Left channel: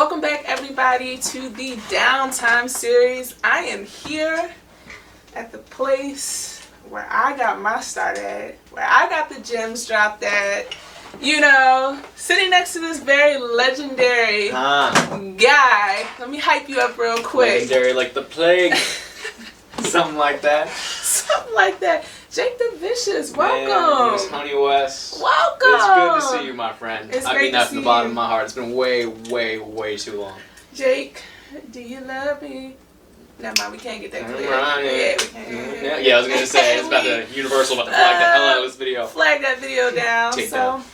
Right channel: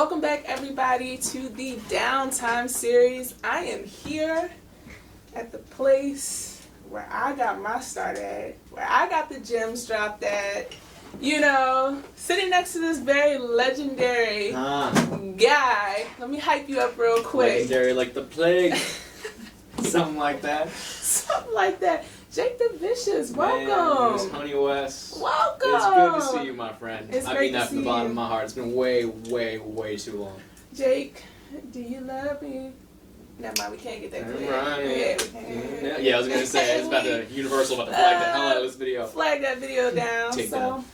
Welcome back, everybody, to the Downtime series. I am here at the place where I got my start at, where I got the gems dropped at. You know, sitting next to this very legendary guy. Let me hype you up real quick. Legendary like the plague. Something like that. Something like that. TheeJakeVicious, welcome. Miss Honey West. Welcome. It's good to see you, my friend. It's I great mean that to from the see bottom you. of my heart. It's been way too long. Jake, do you love me? Never mind, we can't get that clear. Right. Yeah, we can't. Yeah, I was gonna say it's about the Universal about to flag the hell out of this video. Flag that video down. Take so, down.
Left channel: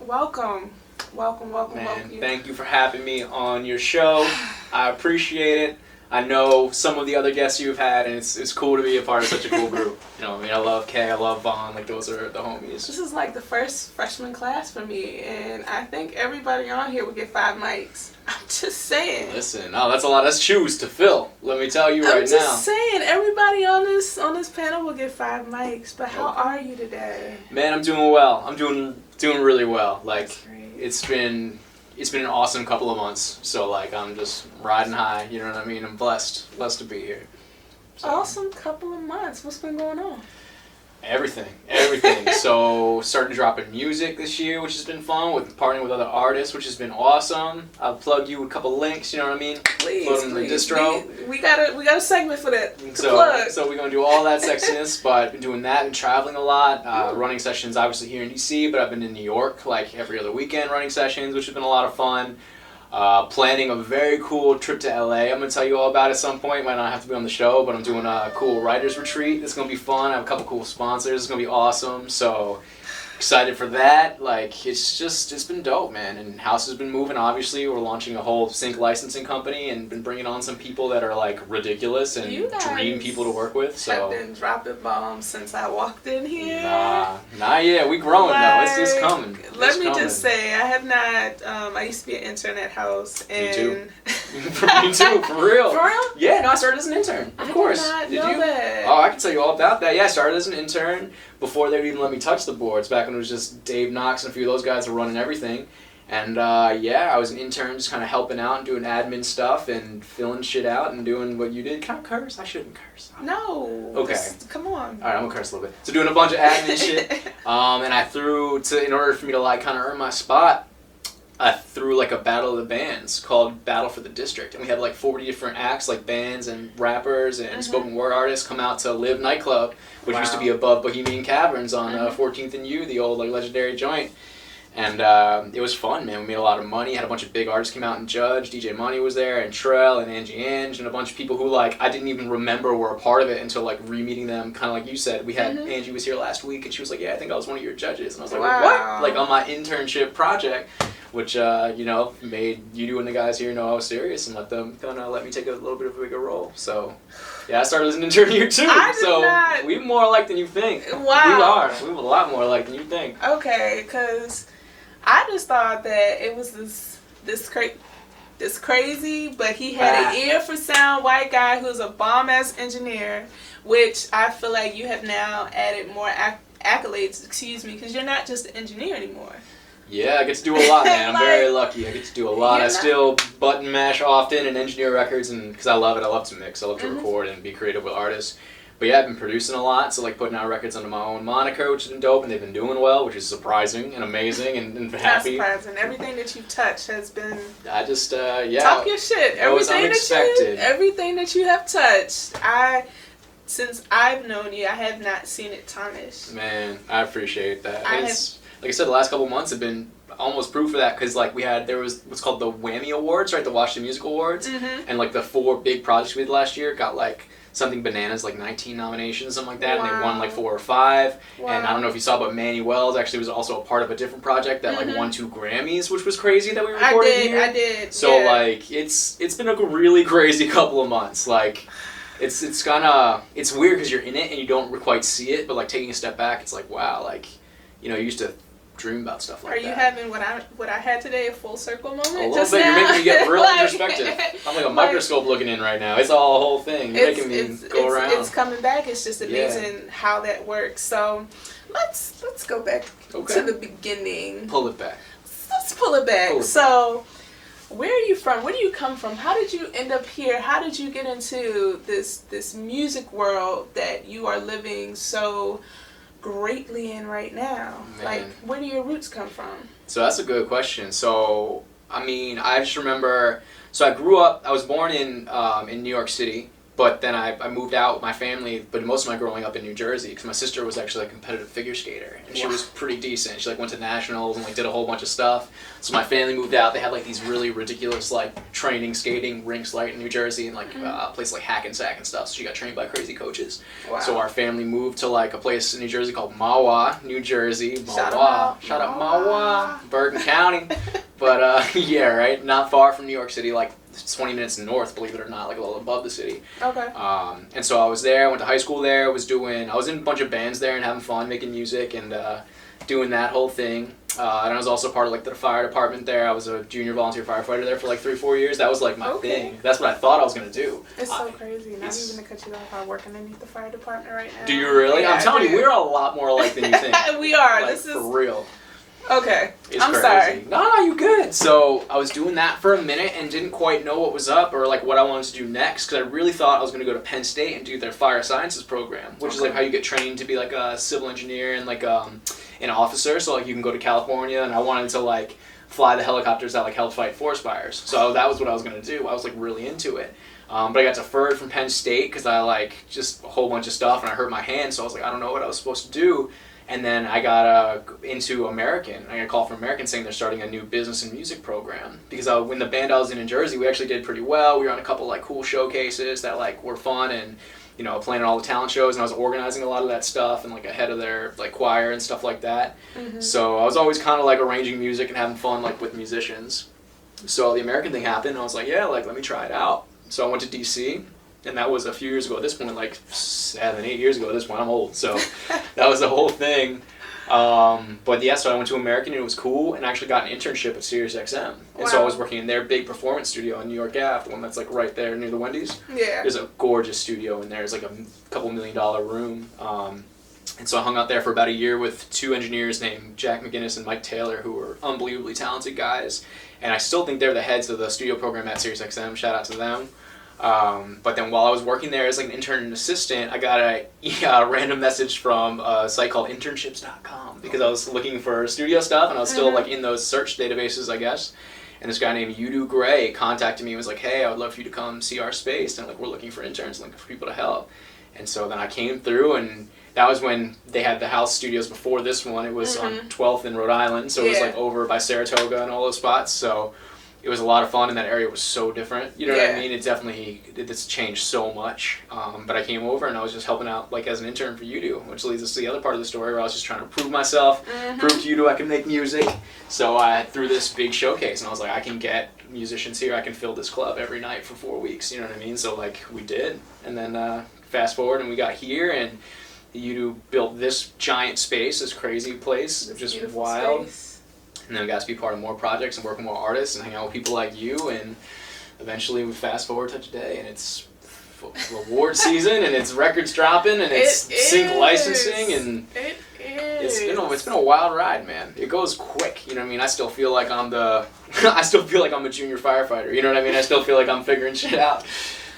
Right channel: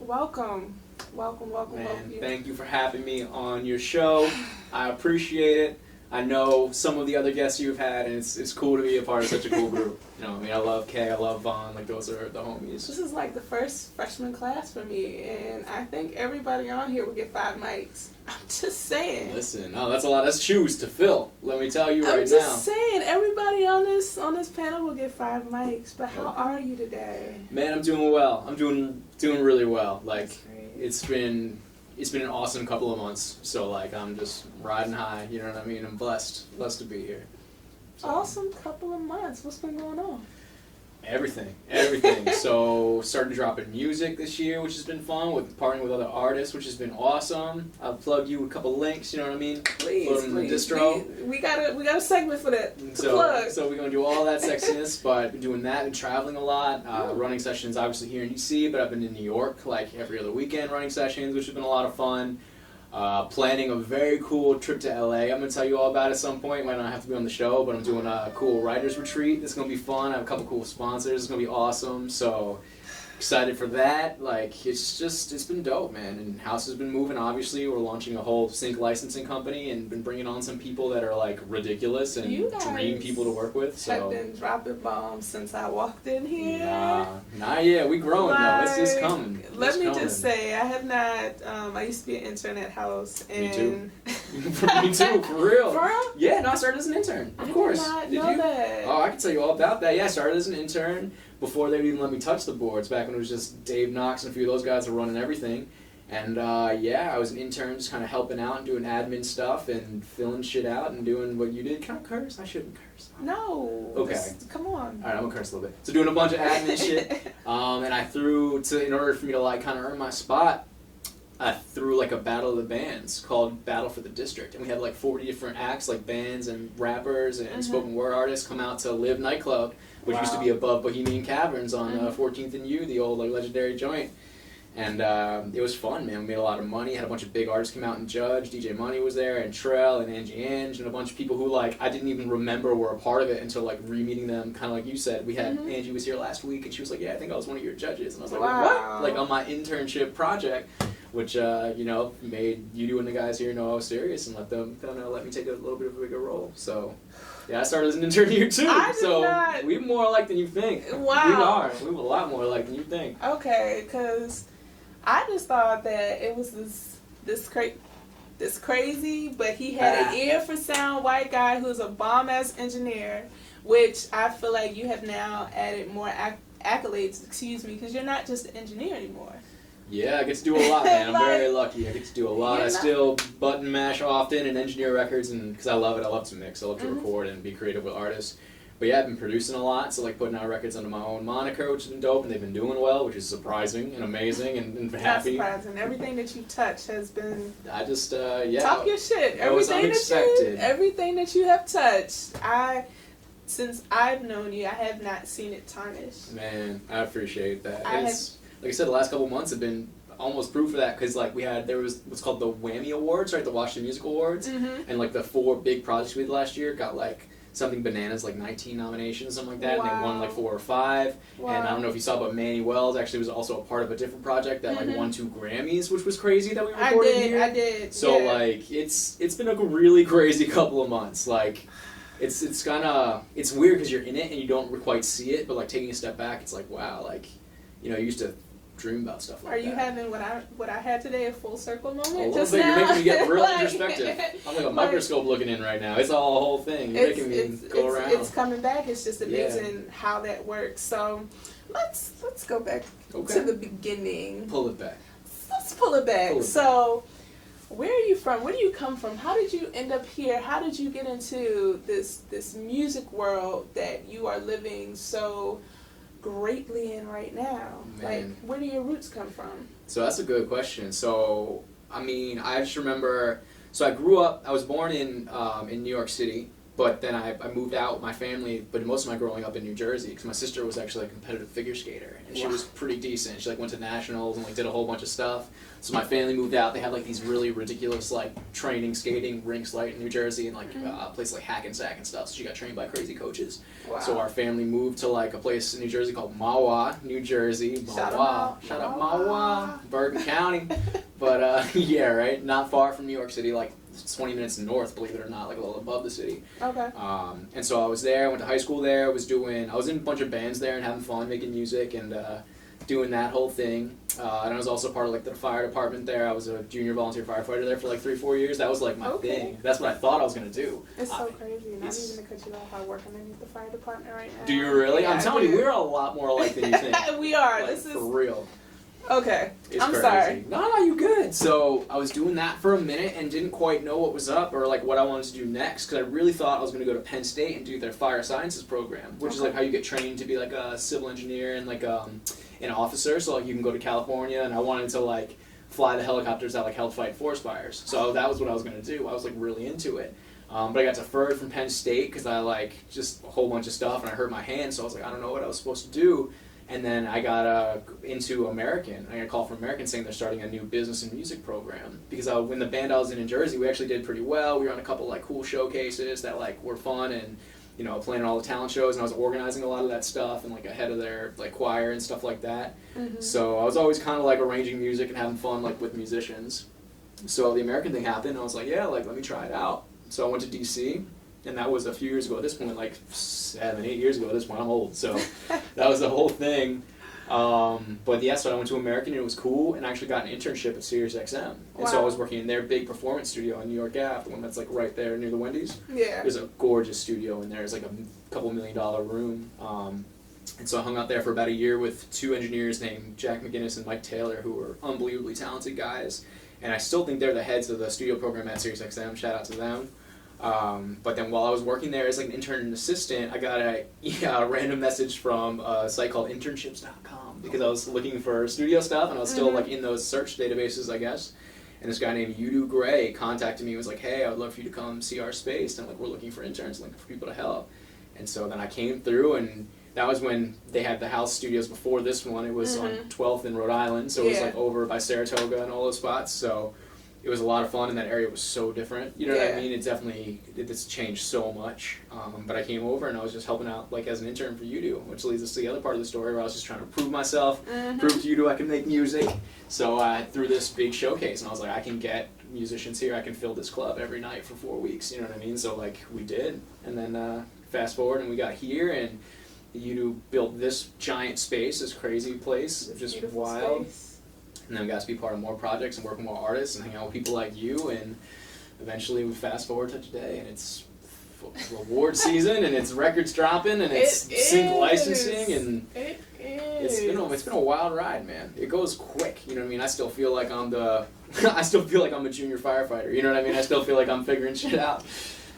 welcome. Man, thank you for having me on your show. I appreciate it. I know some of the other guests you've had, and it's cool to be a part of such a cool group. You know, I mean, I love Kay, I love Vaughn, like those are the homies. This is like the first freshman class for me, and I think everybody on here would get 5 mics. I'm just saying. Listen, that's a lot of shoes to fill. Let me tell you right now. I'm just saying, everybody on this panel will get 5 mics. But how are you today? Man, I'm doing well. I'm doing really well. Like, That's great. it's been an awesome couple of months. So like I'm just riding high, you know what I mean? I'm blessed to be here. So, Awesome couple of months. What's been going on? Everything. So started dropping music this year, which has been fun, with partnering with other artists, which has been awesome. I'll plug you with a couple links, you know what I mean? Please, Load them in the distro. We got a segment for that. So we're gonna do all that sexiness, but I've been doing that and traveling a lot. Running sessions obviously here in DC, but I've been in New York like every other weekend running sessions, which has been a lot of fun. Planning a very cool trip to LA. I'm going to tell you all about it at some point. Might not have to be on the show, but I'm doing a cool writer's retreat. It's going to be fun. I have a couple cool sponsors. It's going to be awesome. So excited for that. Like, it's been dope, man. And house has been moving, obviously. We're launching a whole sync licensing company and been bringing on some people that are like ridiculous and dream people to work with. So I've been dropping bombs since I walked in here. Nah, yeah, we growing though. It's coming. Let me just say, I have not. I used to be an intern at House, and Me too. Me too, for real. For real? Yeah, no, I started as an intern. Of course. I did not know that. Oh, I can tell you all about that. Yeah, I started as an intern before they would even let me touch the boards. Back when it was just Dave Knox and a few of those guys were running everything. And yeah, I was an intern, just kind of helping out and doing admin stuff and filling shit out and doing what you did. Can I curse? I shouldn't curse. No. Okay. Come on. All right, I'm gonna curse a little bit. So doing a bunch of admin shit, and I threw in order for me to like kind of earn my spot, I threw like a battle of the bands called Battle for the District, and we had like 40 different acts, like bands and rappers and spoken word artists come out to Live nightclub, which used to be above Bohemian Caverns on 14th and U, the old like legendary joint. And it was fun, man. We made a lot of money. Had a bunch of big artists come out and judge. DJ Money was there, and Trell, and Angie Ange, and a bunch of people who like I didn't even remember were a part of it until like re-meeting them. Kind of like you said, we had Angie was here last week, and she was like, "Yeah, I think I was one of your judges." And I was like, "What?" Like on my internship project, which you know made you and the guys here know I was serious and let them kind of let me take a little bit of a bigger role. So. Yeah, I started as an intern here too, we're more alike than you think. Wow. We're a lot more alike than you think. Okay, because I just thought that it was this crazy, but he had an ear for sound white guy who's a bomb-ass engineer, which I feel like you have now added more accolades, because you're not just an engineer anymore. Yeah, I get to do a lot, man. I'm Like, very lucky. I get to do a lot. I still button mash often and engineer records, and because I love it. I love to mix. I love to record and be creative with artists. But yeah, I've been producing a lot, so like putting out records under my own moniker, which has been dope, and they've been doing well, which is surprising and amazing and happy. Not surprising. Everything that you've touched has been. I just yeah. Talk your shit. Everything that you have touched. Since I've known you, I have not seen it tarnished. Man, I appreciate that. Like I said, the last couple months have been almost proof of that, because like there was what's called the Whammy Awards, right? The Washington Music Awards, and like the 4 big projects we did last year got like something bananas, like 19 nominations, something like that, and they won like 4 or 5. And I don't know if you saw, but Manny Wells actually was also a part of a different project that like won 2 Grammys, which was crazy that we recorded here. I did. So like it's been a really crazy couple of months. Like it's kind of weird because you're in it and you don't quite see it, but like taking a step back, it's like wow, like you know, you used to dream about stuff like that. Are you having what I had today, a full circle moment? A little bit. You're making me get real introspective. I'm like a microscope looking in right now. It's all a whole thing. You're making me go around. It's coming back. It's just amazing how that works. So let's go back to the beginning. Pull it back. Let's pull it back. So where are you from? Where do you come from? How did you end up here? How did you get into this music world that you are living so greatly in right now? Man. Like, where do your roots come from? So that's a good question. So, I mean, I just remember, so I grew up, I was born in New York City, but then I moved out with my family, but most of my growing up in New Jersey, because my sister was actually a competitive figure skater, and she was pretty decent. She like went to nationals and like did a whole bunch of stuff. So my family moved out. They had like these really ridiculous like training skating rinks like in New Jersey and like places like Hackensack and stuff. So she got trained by crazy coaches. Wow. So our family moved to like a place in New Jersey called Mahwah, New Jersey. Mahwah. Shout out Mahwah, Bergen County. But yeah, right, not far from New York City, like 20 minutes north, believe it or not, like a little above the city. Okay. And so I was there, I went to high school there, I was in a bunch of bands there and having fun, making music and doing that whole thing. And I was also part of like the fire department there. I was a junior volunteer firefighter there for like 3-4 years. That was like my thing. That's what I thought I was going to do. It's so crazy. Not even to cut you off, I work underneath the fire department right now. Do you really? Yeah, I'm telling you, we're a lot more alike than you think. We are. Like, This is... for real. Okay. It's I'm crazy. sorry. No, you good. So I was doing that for a minute and didn't quite know what was up or like what I wanted to do next because I really thought I was going to go to Penn State and do their fire sciences program, which is like how you get trained to be like a civil engineer and like an officer. So like you can go to California, and I wanted to like fly the helicopters that like help fight forest fires. So that was what I was going to do. I was like really into it. But I got deferred from Penn State because I like just a whole bunch of stuff and I hurt my hand. So I was like, I don't know what I was supposed to do. And then I got into American. I got a call from American saying they're starting a new business and music program. Because when the band I was in Jersey, we actually did pretty well. We were on a couple like cool showcases that like were fun and, you know, playing all the talent shows. And I was organizing a lot of that stuff and like ahead of their like choir and stuff like that. Mm-hmm. So I was always kind of like arranging music and having fun like with musicians. So the American thing happened and I was like, yeah, like let me try it out. So I went to DC. And that was a few years ago at this point, like 7-8 years ago at this point. I'm old, so that was the whole thing. But yeah, so I went to American and it was cool, and I actually got an internship at SiriusXM. And so I was working in their big performance studio in New York Ave, the one that's like right there near the Wendy's. Yeah. There's a gorgeous studio in there. It's like a couple $1 million room. And so I hung out there for about a year with 2 engineers named Jack McGinnis and Mike Taylor, who were unbelievably talented guys. And I still think they're the heads of the studio program at SiriusXM. Shout out to them. But then while I was working there as like an intern and assistant, I got a random message from a site called internships.com because I was looking for studio stuff and I was still like in those search databases, I guess. And this guy named Udo Gray contacted me and was like, hey, I would love for you to come see our space and like we're looking for interns, looking for people to help. And so then I came through, and that was when they had the house studios before this one. It was on 12th in Rhode Island, so it was like over by Saratoga and all those spots. So it was a lot of fun, and that area was so different. You know what I mean? It's changed so much. But I came over, and I was just helping out like as an intern for Udo, which leads us to the other part of the story where I was just trying to prove myself, prove to Udo I can make music. So I threw this big showcase, and I was like, I can get musicians here. I can fill this club every night for 4 weeks. You know what I mean? So like we did, and then fast forward, and we got here, and Udo built this giant space, this crazy place, just wild. Space. And then we got to be part of more projects and work with more artists and hang out with people like you, and eventually we fast forward to today, and it's award season, and it's records dropping, and it's sync licensing, and it's been a wild ride, man. It goes quick, you know what I mean? I still feel like I'm a junior firefighter, you know what I mean? I still feel like I'm figuring shit out.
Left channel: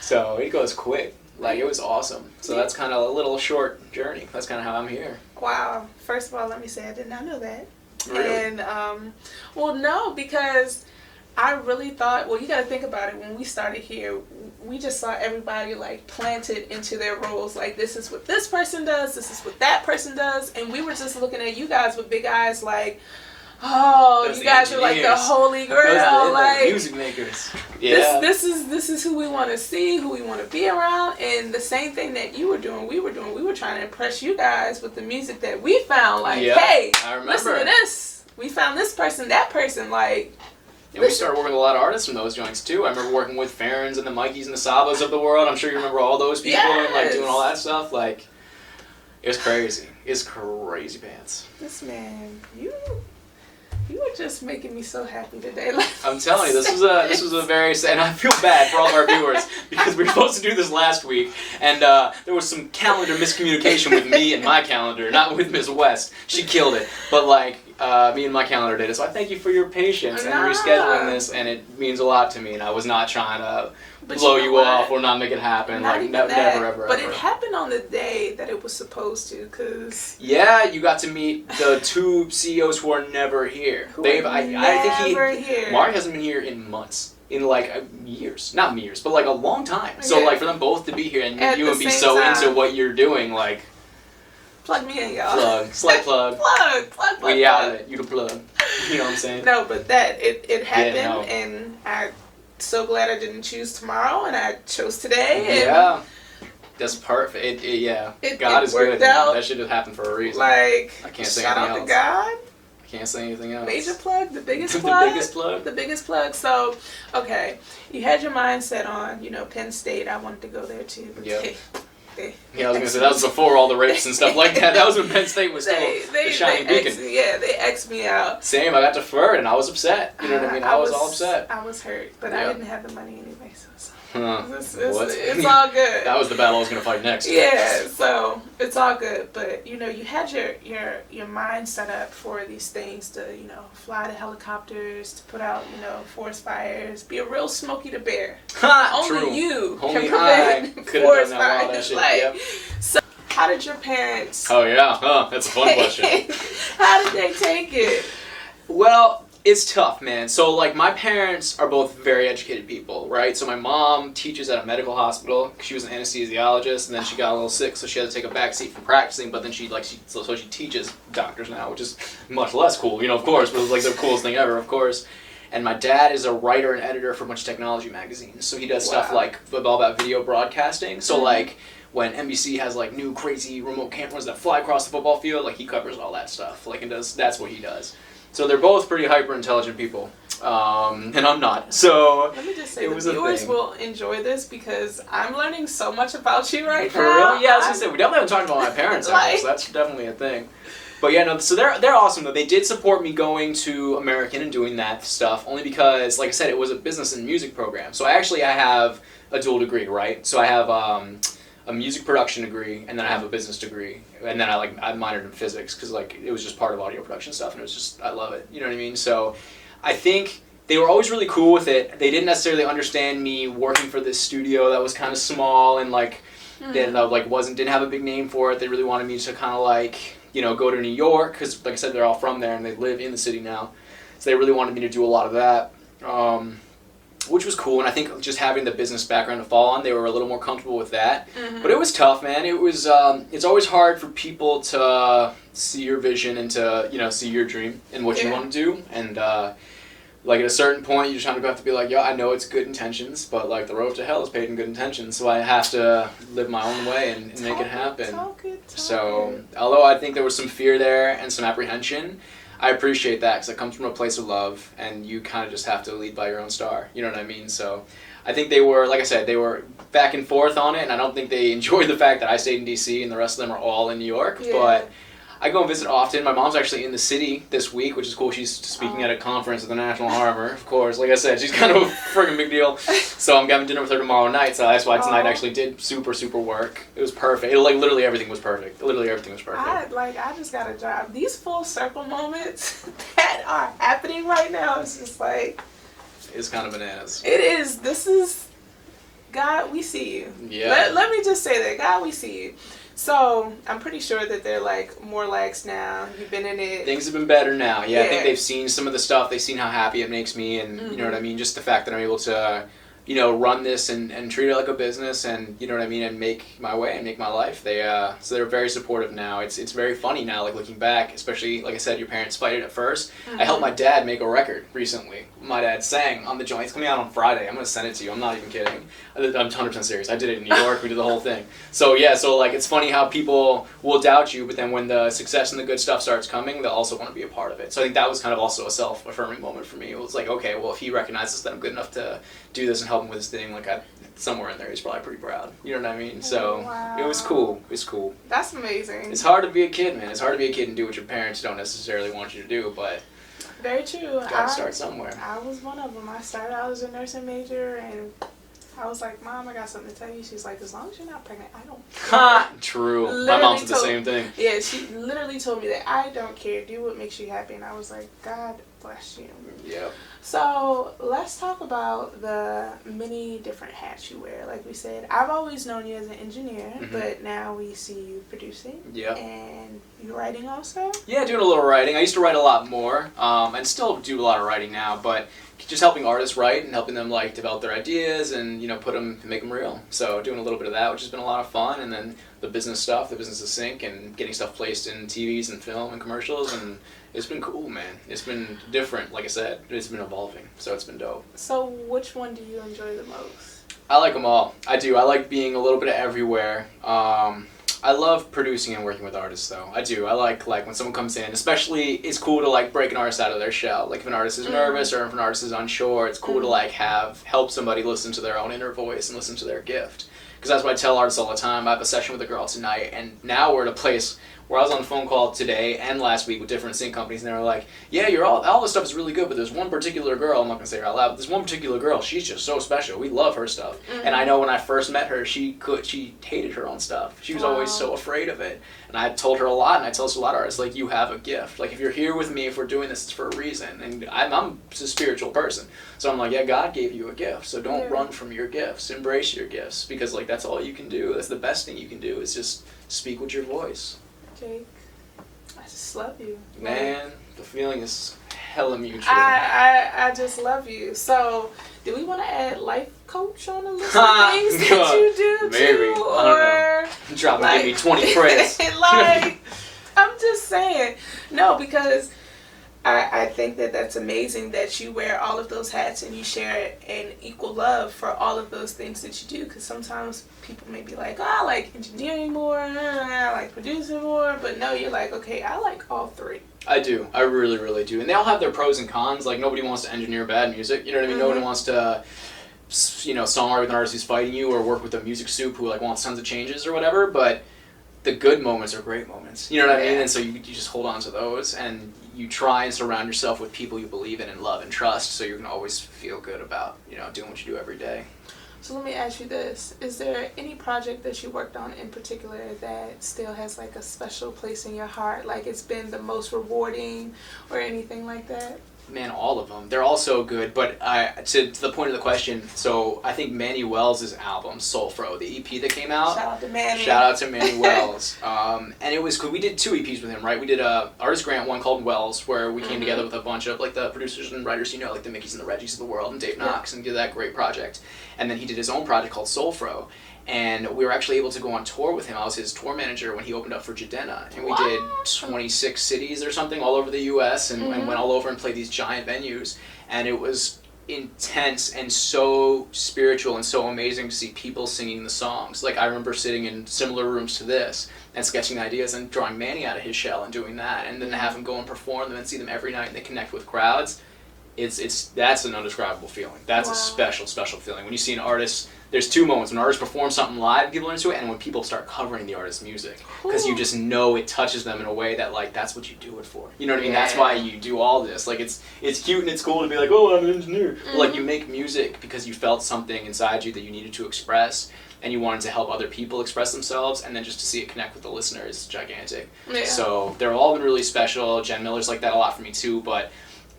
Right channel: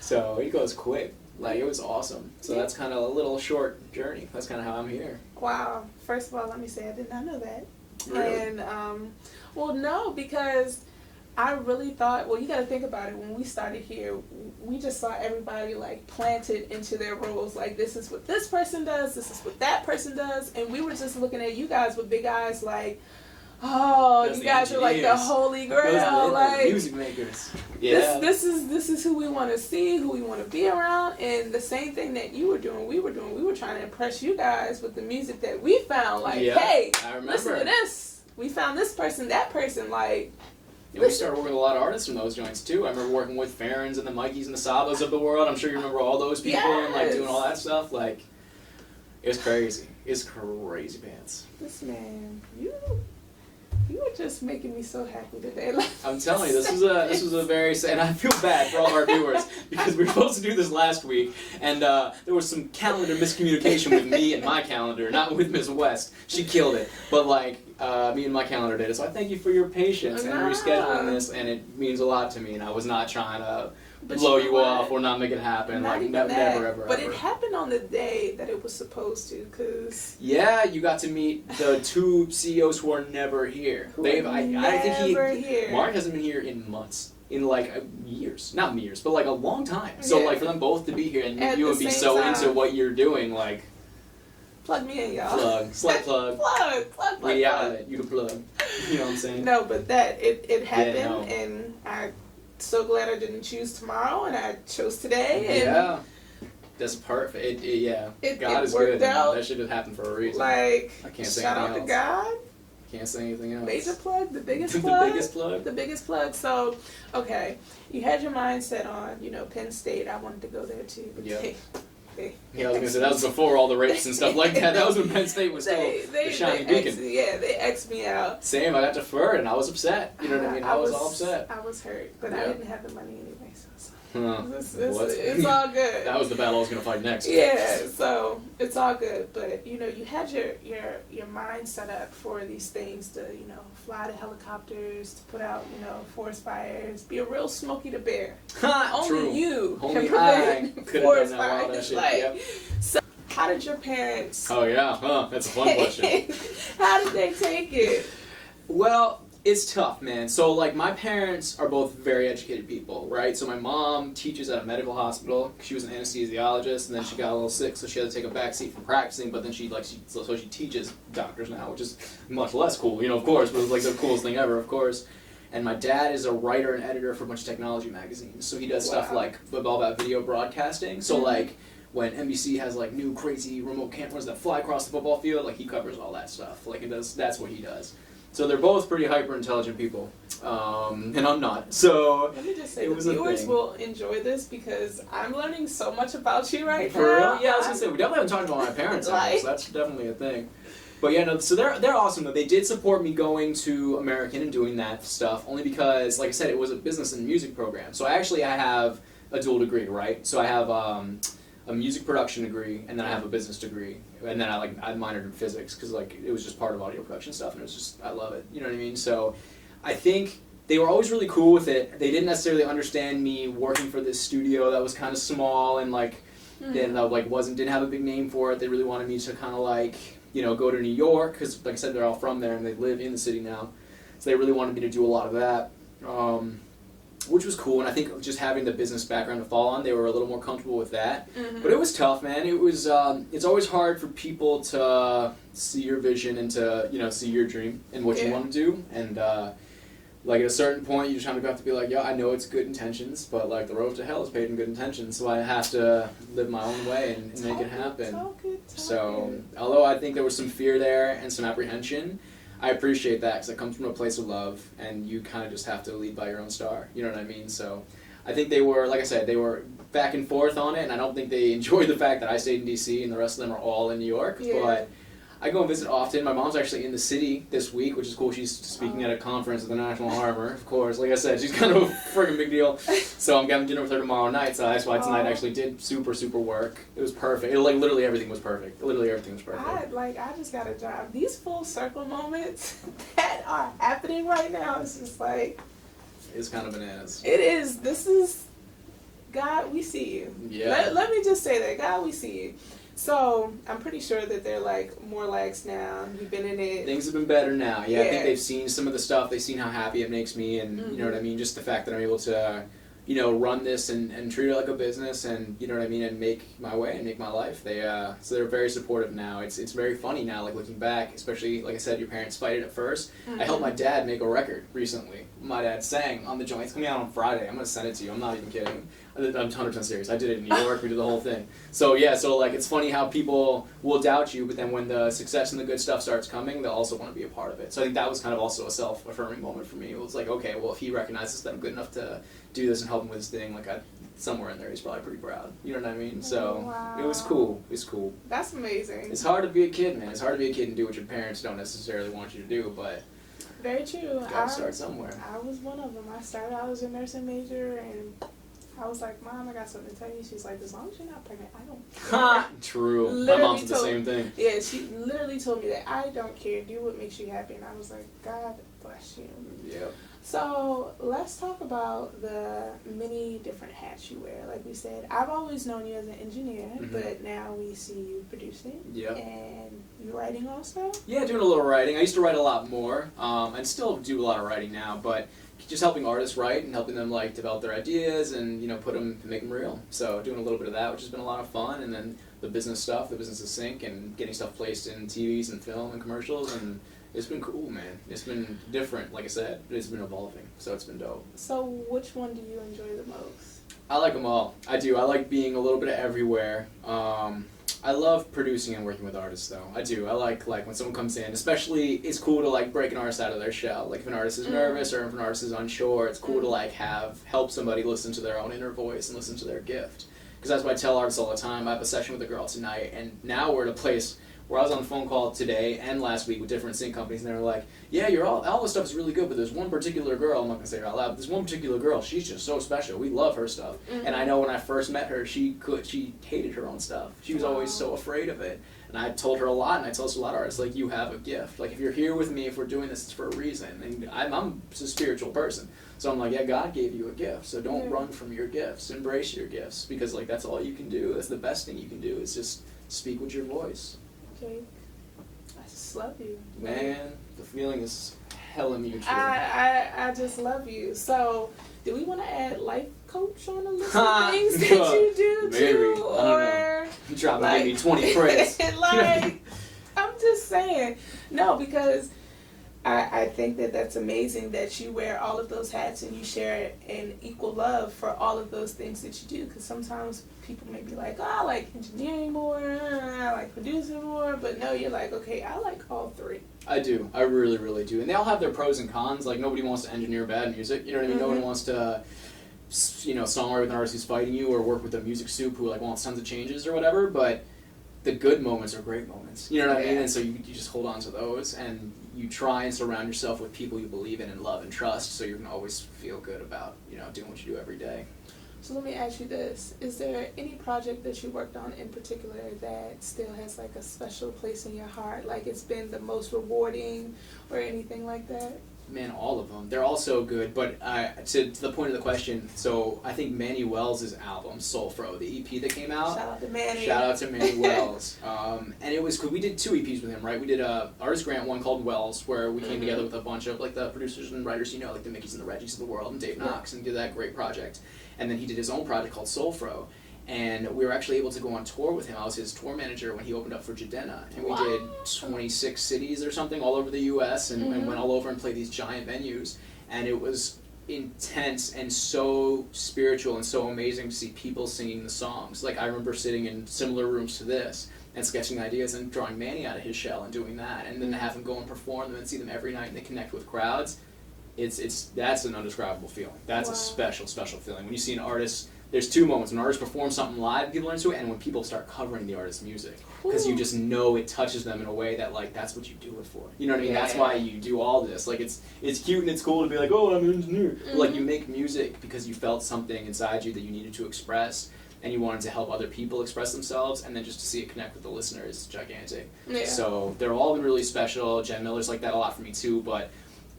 So it goes quick. Like, it was awesome. So that's kind of a little short journey. That's kind of how I'm here. Wow. First of all, let me say I did not know that. Really? And, well, no, because I really thought, well, you got to think about it. When we started here, we just saw everybody, like, planted into their roles. Like, this is what this person does, this is what that person does. And we were just looking at you guys with big eyes, like, oh, you guys are like the holy grail, like music makers. Yeah. This is who we want to see, who we want to be around, and the same thing that you were doing, we were doing. We were trying to impress you guys with the music that we found. Like, hey, listen to this. We found this person, that person. Like, and we started working with a lot of artists from those joints too. I remember working with Farron's and the Mikeys and the Sabas of the world. I'm sure you remember all those people and like doing all that stuff. Like, it was crazy. It's crazy pants. This man, you were just making me so happy today. I'm telling you, this was a very sad, and I feel bad for all of our viewers because we were supposed to do this last week, and there was some calendar miscommunication with me and my calendar, not with Ms. West. She killed it, but like me and my calendar did it. So I thank you for your patience and rescheduling this, and it means a lot to me. And I was not trying to blow you off or not make it happen. Not like even never, that. ever. But it happened on the day that it was supposed to, cause yeah, you got to meet the two CEOs who are never here. I think here. Mark hasn't been here in months. In like years, not years, but like a long time. So like for them both to be here and you would be so into what you're doing, like plug me in, y'all. Slight plug. plug. We out of it. You the plug. You know what I'm saying? No, but that it happened, and I'm so glad I didn't choose tomorrow and I chose today. And yeah, that's perfect. God is good. That should have happened for a reason. Like I can't say shout anything out else. to God. Can't say anything else. Major plug, the biggest plug. The biggest plug. So, okay, you had your mindset on, Penn State. I wanted to go there too. But yep. I was gonna say that was before all the rapes and stuff like that. That was when Penn State was still the shining beacon. They X'd me out. Same. I got deferred and I was upset. You know what I mean? I was all upset. I was hurt, but I didn't have the money anyway, so. What? It's all good. That was the battle I was gonna fight next. Yeah, so it's all good. But you had your mind set up for these things to fly the helicopters, to put out forest fires, be a real Smokey the Bear. Only True. You Only can prevent I could have forest done that fires. shit. Like, Yep. So how did your parents? Oh yeah, that's a fun question. How did they take it? Well, it's tough, man. So, like, my parents are both very educated people, right? So my mom teaches at a medical hospital. She was an anesthesiologist, and then she got a little sick, so she had to take a back seat from practicing. But then she teaches doctors now, which is much less cool, of course. But it was like the coolest thing ever, of course. And my dad is a writer and editor for a bunch of technology magazines. So he does stuff like all about video broadcasting. So like when NBC has like new crazy remote cameras that fly across the football field, like he covers all that stuff. Like that's what he does. So they're both pretty hyper-intelligent people, and I'm not. So let me just say, the viewers will enjoy this because I'm learning so much about you right now. Really? Yeah, I was gonna say we definitely haven't talked about my parents, so that's definitely a thing. But yeah, no. So they're awesome though. They did support me going to American and doing that stuff only because, like I said, it was a business and music program. So I have a dual degree, right? So I have a music production degree, and then I have a business degree, and then I minored in physics because it was just part of audio production stuff, and it was just I love it. You know what I mean? So I think they were always really cool with it. They didn't necessarily understand me working for this studio that was kind of small and didn't have a big name for it. They really wanted me to kind of go to New York because, like I said, they're all from there and they live in the city now. So they really wanted me to do a lot of that. Which was cool, and I think just having the business background to fall on, they were a little more comfortable with that. Mm-hmm. But it was tough, man. It was. It's always hard for people to see your vision and to see your dream and what you want to do. And at a certain point, you just kind of have to be like, yo, I know it's good intentions, but the road to hell is paved in good intentions. So I have to live my own way and make it happen. So although I think there was some fear there and some apprehension, I appreciate that because it comes from a place of love, and you kind of just have to lead by your own star. You know what I mean? So I think they were, like I said, they were back and forth on it, and I don't think they enjoyed the fact that I stayed in D.C. and the rest of them are all in New York. Yeah. But I go and visit often. My mom's actually in the city this week, which is cool. She's speaking at a conference at the National Harbor, of course. Like I said, she's kind of a friggin' big deal. So I'm having dinner with her tomorrow night, so that's why tonight actually did super, super work. It was perfect. Literally everything was perfect. I just got a job. These full circle moments that are happening right now, it's just it's kind of bananas. It is. This is, God, we see you. Yeah. Let me just say that. God, we see you. So I'm pretty sure that they're more lax now. You've been in it. Things have been better now. Yeah, I think they've seen some of the stuff. They've seen how happy it makes me, and you know what I mean. Just the fact that I'm able to, run this and treat it like a business, and you know what I mean, and make my way and make my life. So they're very supportive now. It's very funny now, looking back, especially like I said, your parents fight it at first. I helped my dad make a record recently. My dad sang on the joint. It's coming out on Friday. I'm gonna send it to you. I'm not even kidding. I'm 100% serious. I did it in New York. We did the whole thing. So yeah, it's funny how people will doubt you, but then when the success and the good stuff starts coming, they'll also want to be a part of it. So I think that was kind of also a self-affirming moment for me. It was okay, well, if he recognizes that I'm good enough to do this and help him with his thing, somewhere in there, he's probably pretty proud. You know what I mean? So It was cool. It was cool. That's amazing. It's hard to be a kid, man. It's hard to be a kid and do what your parents don't necessarily want you to do, but very true. Gotta start somewhere. I was one of them. I started out as a nursing major and I was like, Mom, I got something to tell you. She's like, as long as you're not pregnant, I don't care. Ha! True. Literally My mom said the same thing. Yeah, she literally told me that I don't care. Do what makes you happy. And I was like, God bless you. Yep. So let's talk about the many different hats you wear. Like we said, I've always known you as an engineer, but now we see you producing. Yep. And you writing also? Yeah, doing a little writing. I used to write a lot more, and still do a lot of writing now, but just helping artists write and helping them like develop their ideas and make them real. So doing a little bit of that, which has been a lot of fun, and then the business stuff, the business of sync, and getting stuff placed in TVs and film and commercials, and it's been cool, man. It's been different, like I said. It's been evolving, so it's been dope. So which one do you enjoy the most? I like them all. I do. I like being a little bit of everywhere. I love producing and working with artists, though. I do. I like when someone comes in, especially it's cool to like break an artist out of their shell. Like if an artist is nervous or if an artist is unsure, it's cool to like help somebody listen to their own inner voice and listen to their gift. Because that's what I tell artists all the time. I have a session with a girl tonight, and now we're at a place where I was on a phone call today and last week with different sync companies, and they were like, yeah, all this stuff is really good, but there's one particular girl, I'm not going to say her out loud, but there's one particular girl, she's just so special. We love her stuff. And I know when I first met her, she hated her own stuff. She was always so afraid of it. And I told her a lot, and I tell this to a lot of artists, like, you have a gift. Like, if you're here with me, if we're doing this, it's for a reason. And I'm a spiritual person. So I'm like, yeah, God gave you a gift, so don't run from your gifts. Embrace your gifts, because, like, that's all you can do. That's the best thing you can do, is just speak with your voice. Jake, I just love you. Man, the feeling is hella mutual. I just love you. So, do we want to add life coach on the list of things that you do Maybe. too? I don't know. Drop and give me 20 credits. Like, I'm just saying. No, because I think that's amazing that you wear all of those hats and you share an equal love for all of those things that you do. Because sometimes people may be like, oh, I like engineering more, I like producing more. But no, you're like, okay, I like all three. I do. I really, really do. And they all have their pros and cons. Like, nobody wants to engineer bad music. You know what I mean? Nobody wants to, songwrite with an artist who's fighting you or work with a music soup who, like, wants tons of changes or whatever. But the good moments are great moments. You know what I mean? And so you just hold on to those, and you try and surround yourself with people you believe in and love and trust, so you can always feel good about, doing what you do every day. So let me ask you this. Is there any project that you worked on in particular that still has like a special place in your heart? Like it's been the most rewarding or anything like that? Man, all of them. They're all so good, but to the point of the question, so I think Manny Wells' album, Soul Fro, the EP that came out. Shout out to Manny. Shout out to Manny Wells. And it was cool. We did 2 EPs with him, right? We did a artist grant one called Wells, where we came together with a bunch of like the producers and writers, like the Mickeys and the Reggies of the world, and Dave Knox, and did that great project. And then he did his own project called Soul Fro. And we were actually able to go on tour with him. I was his tour manager when he opened up for Jidenna. And we did 26 cities or something all over the U.S. and went all over and played these giant venues. And it was intense and so spiritual and so amazing to see people singing the songs. Like, I remember sitting in similar rooms to this and sketching ideas and drawing Manny out of his shell and doing that. And then to have him go and perform them and see them every night and they connect with crowds. That's an undescribable feeling. That's a special, special feeling. When you see an artist, there's 2 moments. When an artist performs something live, people are into it, and when people start covering the artist's music. Because you just know it touches them in a way that, like, that's what you do it for. You know what I mean? That's why you do all this. Like, it's cute and it's cool to be like, oh, I'm an engineer. But, like, you make music because you felt something inside you that you needed to express, and you wanted to help other people express themselves, and then just to see it connect with the listener is gigantic. Yeah. So they're all been really special. Jen Miller's like that a lot for me, too, but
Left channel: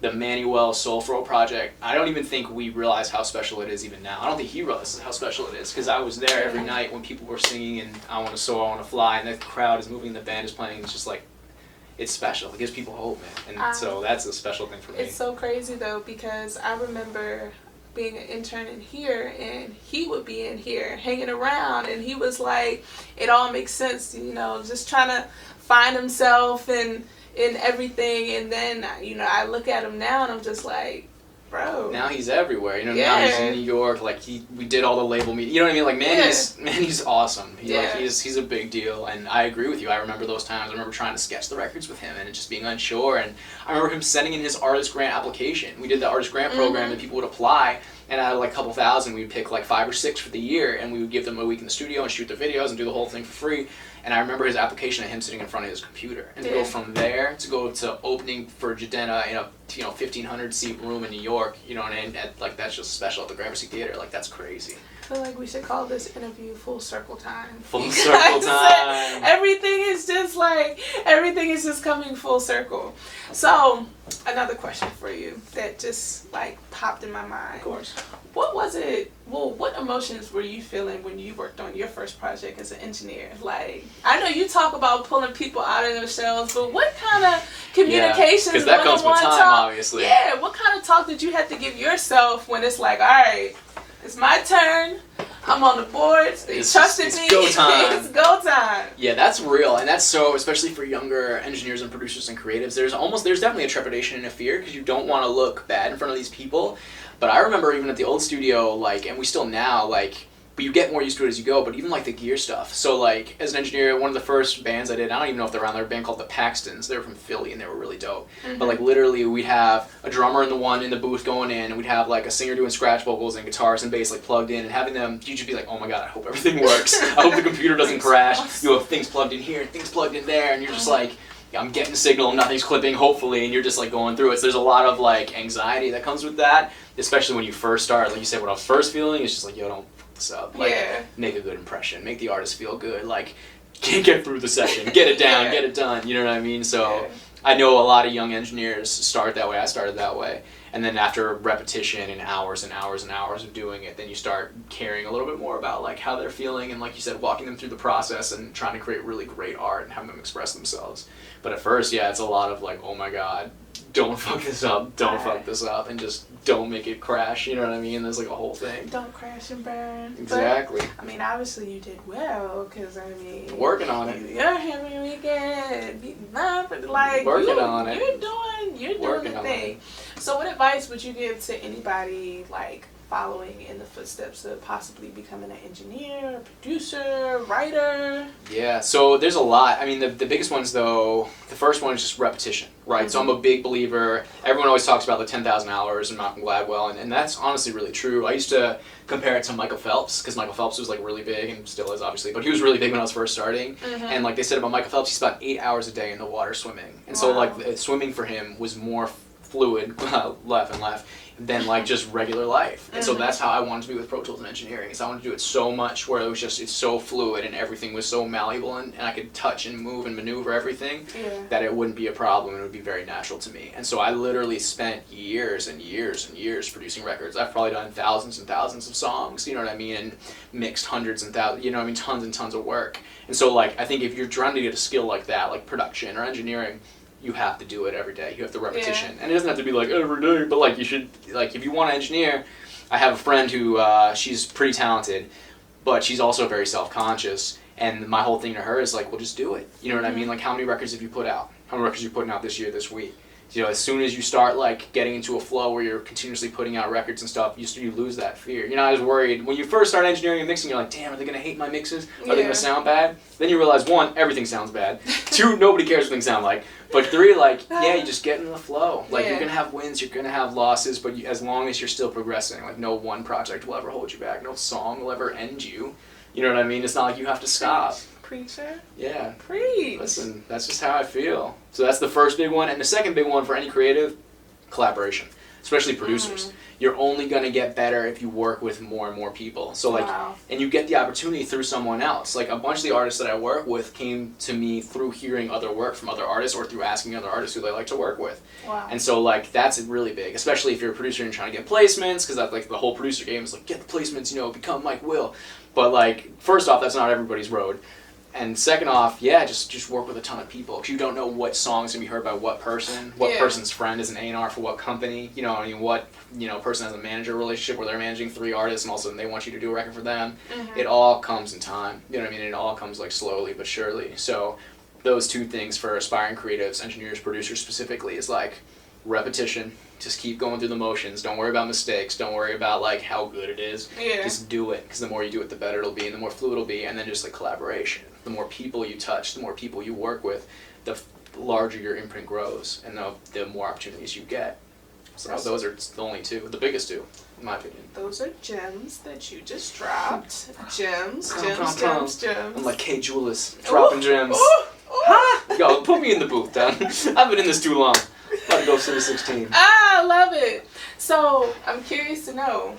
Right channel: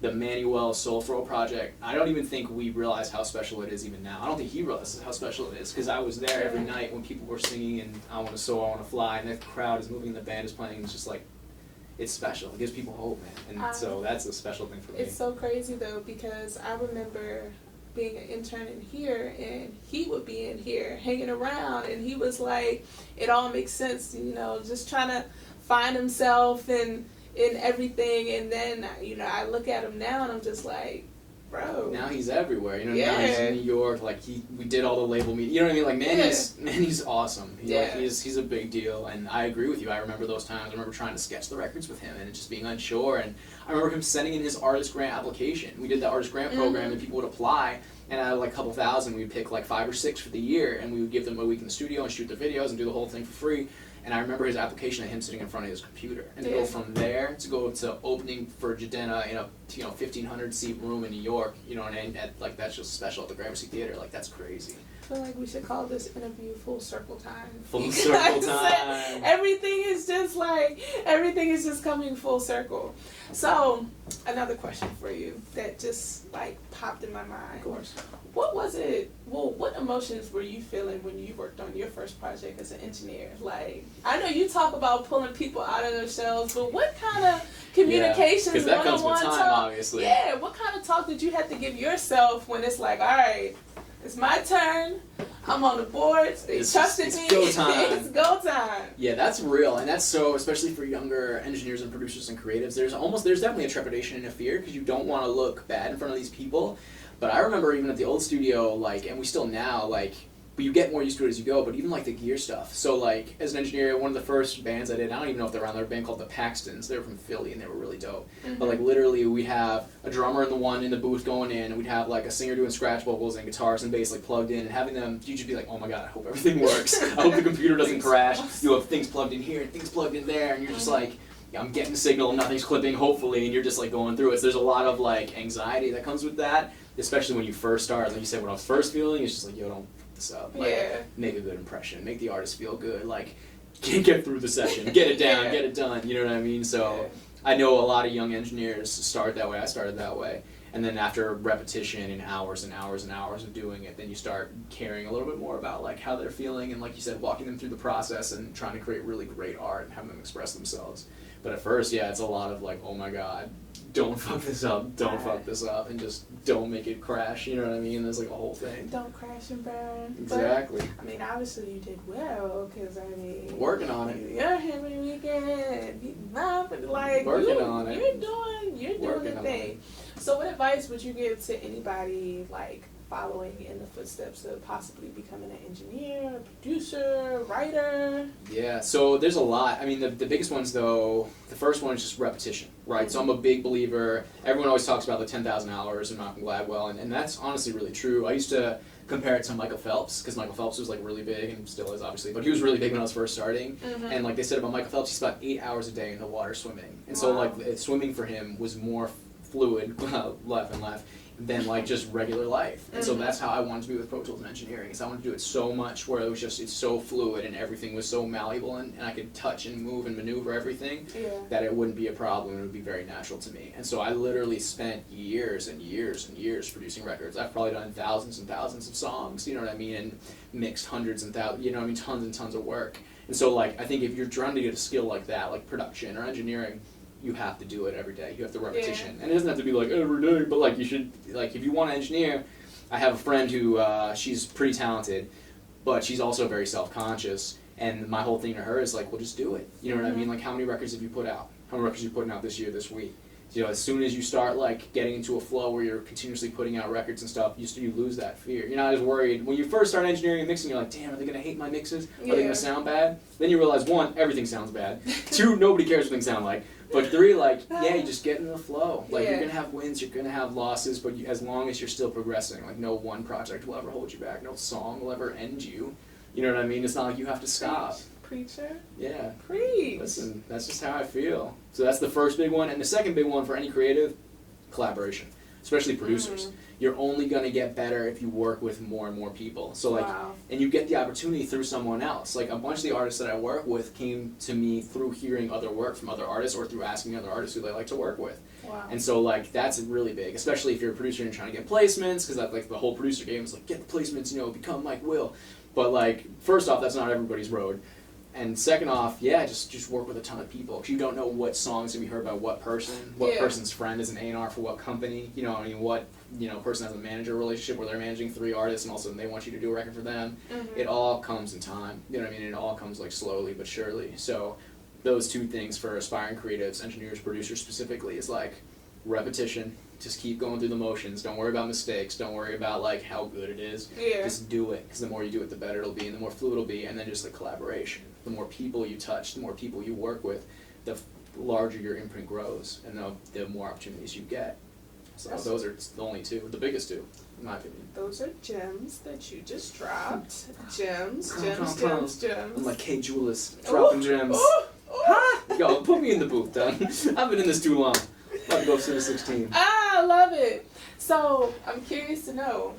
the Manny Wells Soul Fro project, I don't even think we realize how special it is even now. I don't think he realizes how special it is, because I was there every night when people were singing and I Want to Soar, I Want to Fly, and the crowd is moving, the band is playing, it's just like, it's special. It gives people hope, man. And so that's a special thing for me. It's so crazy, though, because I remember being an intern in here, and he would be in here hanging around, and he was like, it all makes sense, just trying to find himself and in everything, and then I look at him now and I'm just like, bro. Now he's everywhere, now he's in New York, like we did all the label meetings, you know what I mean? Like Manny's awesome. He's a big deal, and I agree with you. I remember those times. I remember trying to sketch the records with him and just being unsure, and I remember him sending in his artist grant application. We did the artist grant program and people would apply, and out of like a couple thousand we'd pick like 5 or 6 for the year, and we would give them a week in the studio and shoot their videos and do the whole thing for free. And I remember his application of him sitting in front of his computer, and to go from there to go to opening for Jadena in a 1,500 seat room in New York, you know, and like that's just special at the Gramercy Theater. Like that's crazy. I feel like we should call this interview Full Circle Time. Full circle time. Everything is just coming full circle. So, another question for you that just like popped in my mind. Of course. What was it? Well, what emotions were you feeling when you worked on your first project as an engineer? Like, I know you talk about pulling people out of their shells, but what kind of communications? Because that comes with time, obviously. Yeah. What kind of talk did you have to give yourself when it's like, all right, it's my turn. I'm on the boards. They trusted me. It's go time. It's go time. Yeah, that's real, and that's so, especially for younger engineers and producers and creatives. There's definitely a trepidation and a fear because you don't want to look bad in front of these people. But I remember even at the old studio, like, and we still now, like, but you get more used to it as you go, but even like the gear stuff. So like as an engineer, one of the first bands I did, I don't even know if they're around, they're a band called the Paxtons. They were from Philly and they were really dope. Mm-hmm. But like literally we'd have a drummer in the booth going in, and we'd have like a singer doing scratch vocals and guitars and bass like plugged in, and having them, you'd just be like, oh my god, I hope everything works. I hope the computer doesn't crash. You have things plugged in here and things plugged in there, and you're just like, yeah, I'm getting a signal, nothing's clipping, hopefully, and you're just like going through it. So there's a lot of like anxiety that comes with that, especially when you first start. Like you said, what I was first feeling is just like, yo, don't this up. Like, make a good impression, make the artist feel good, like, get through the session, get it down, get it done, you know what I mean? So, I know a lot of young engineers start that way, I started that way, and then after repetition and hours and hours and hours of doing it, then you start caring a little bit more about, like, how they're feeling, and like you said, walking them through the process and trying to create really great art and having them express themselves. But at first, yeah, it's a lot of like, oh my god, don't fuck this up, fuck this up, and just don't make it crash, you know what I mean? There's like a whole thing. Don't crash and burn. Exactly. But, I mean, obviously you did well, because, I mean... Working on it. You're having weekend, beating up, like... Working on it. You're doing the thing. So what advice would you give to anybody, like, following in the footsteps of possibly becoming an engineer, producer, writer? Yeah, so there's a lot. I mean, the biggest ones, though, the first one is just repetition, right? Mm-hmm. So I'm a big believer. Everyone always talks about the 10,000 hours and Malcolm Gladwell, and that's honestly really true. I used to compare it to Michael Phelps, because Michael Phelps was like really big, and still is obviously, but he was really big when I was first starting. Mm-hmm. And like they said about Michael Phelps, he's about 8 hours a day in the water swimming. And so like swimming for him was more fluid, left and left, than like just regular life. And so that's how I wanted to be with Pro Tools and engineering, is I wanted to do it so much where it was just, it's so fluid and everything was so malleable, and I could touch and move and maneuver everything that it wouldn't be a problem, it would be very natural to me. And so I literally spent years and years and years producing records. I've probably done thousands and thousands of songs, you know what I mean, and mixed hundreds and thousands, you know what I mean, tons and tons of work. And so like, I think if you're trying to get a skill like that, like production or engineering, you have to do it every day. You have to repetition. And it doesn't have to be like every day, but like you should, like if you want to engineer, I have a friend who, she's pretty talented, but she's also very self-conscious. And my whole thing to her is like, well, just do it. You know what I mean? Like how many records have you put out? How many records are you putting out this year, this week? You know, as soon as you start like getting into a flow where you're continuously putting out records and stuff, you lose that fear. You're not as worried. When you first start engineering and mixing, you're like, damn, are they going to hate my mixes? Are they going to sound bad? Then you realize, 1, everything sounds bad. 2, nobody cares what things sound like. But 3, like, yeah, you just get in the flow. Like, you're going to have wins, you're going to have losses, but as long as you're still progressing, like, no one project will ever hold you back. No song will ever end you. You know what I mean? It's not like you have to stop. Preacher. Yeah. Preach. Listen, that's just how I feel. So that's the first big one. And the second big one for any creative, collaboration, especially producers. You're only going to get better if you work with more and more people. So like, and you get the opportunity through someone else. Like a bunch of the artists that I work with came to me through hearing other work from other artists or through asking other artists who they like to work with. Wow. And so like, that's really big, especially if you're a producer and trying to get placements, because that's like the whole producer game is like, get the placements, you know, become Mike Will. But like, first off, that's not everybody's road. And second off, yeah, just work with a ton of people, because you don't know what song's gonna be heard by what person, what person's friend is an A&R for what company, you know, I mean, what, you know, person has a manager relationship where they're managing 3 artists and all of a sudden they want you to do a record for them. It all comes in time, you know what I mean, it all comes like slowly but surely. So those 2 things for aspiring creatives, engineers, producers specifically, is like repetition. Just keep going through the motions. Don't worry about mistakes. Don't worry about like how good it is. Just do it, because the more you do it, the better it'll be, and the more fluid it'll be. And then just like collaboration. The more people you touch, the more people you work with, the larger your imprint grows, and the more opportunities you get. So those are the only 2, the biggest 2. my opinion. Those are gems that you just dropped. Gems. I'm like Kay Julis, dropping gems. Ha! Yo, put me in the booth, Don. I've been in this too long. About to go City 16. I love it. So I'm curious to know,